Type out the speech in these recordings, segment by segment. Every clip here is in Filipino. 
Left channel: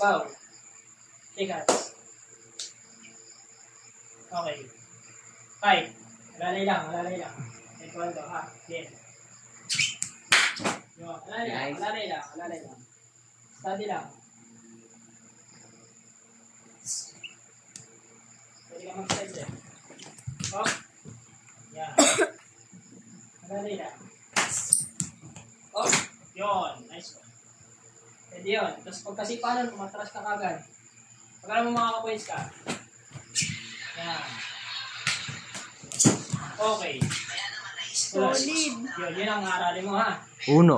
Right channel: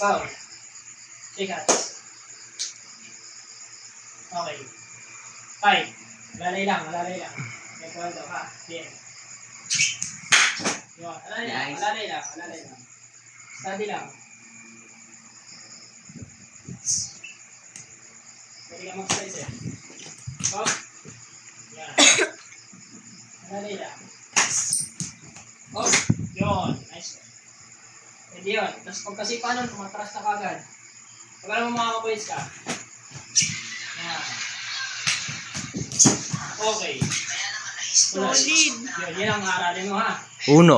Wow. Shake hands. Okay. 5. Alalay lang. May kwento ha. Then. Yun. Alalay lang. Study lang. Pwede ka mag-slice eh. Oh. Yan. Alalay lang. Oh. Yun. Nice one. Pwede yun. Tapos pag kasi paano, kumatras ka kagad. Pag alam mo makaka-points ka. Yan. Okay. Solid. Yun ang aralin mo ha. 1.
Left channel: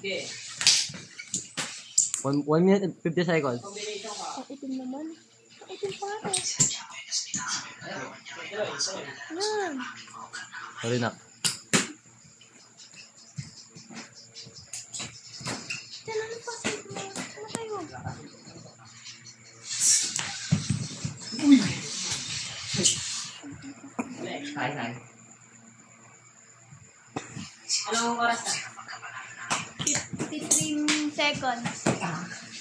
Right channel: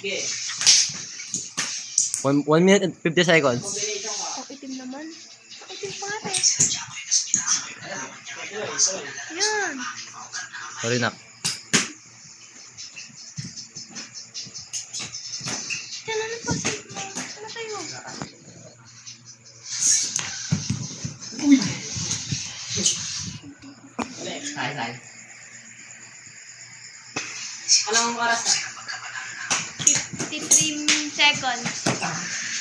Sige. 1 minute and 50 seconds. Combination ka. Ang itim naman. Ang itim pa nga eh. Tuloy. Yan. Sorry na. Yan, ano pa sa'yo mo? Ano kayo? Ulit. Anong oras na? 53 seconds.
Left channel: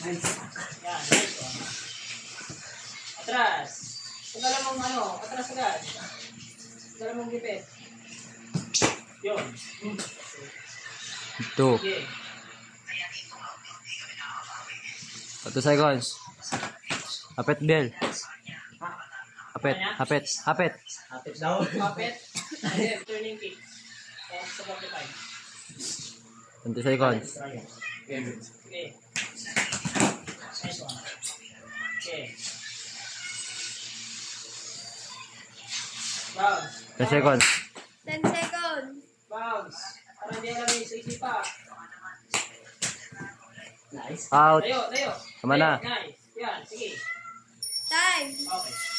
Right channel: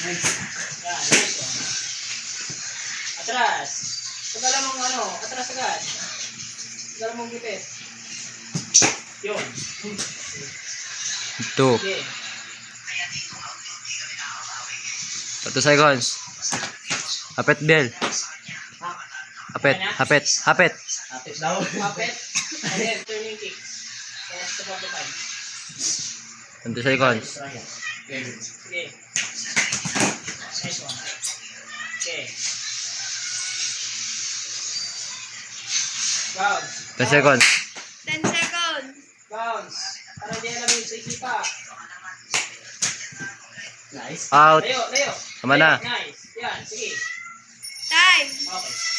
Nice. Yan, nice one. Atras. Tagala mong atras agad. Tagala mong gipit. Yun. 2. Sige. 2 seconds. Hapit bell. Hapit. Kapit daw. Kapit. And then, turning kicks. Tapos sa 45. 20 seconds. Sige. Nice one. Okay. Bounce. 10 seconds. 10 seconds. Bounce. Para hindi alam yung sa isipa. Nice. Out. Layo. Tama na. Nice. Yan, sige. Time. Okay.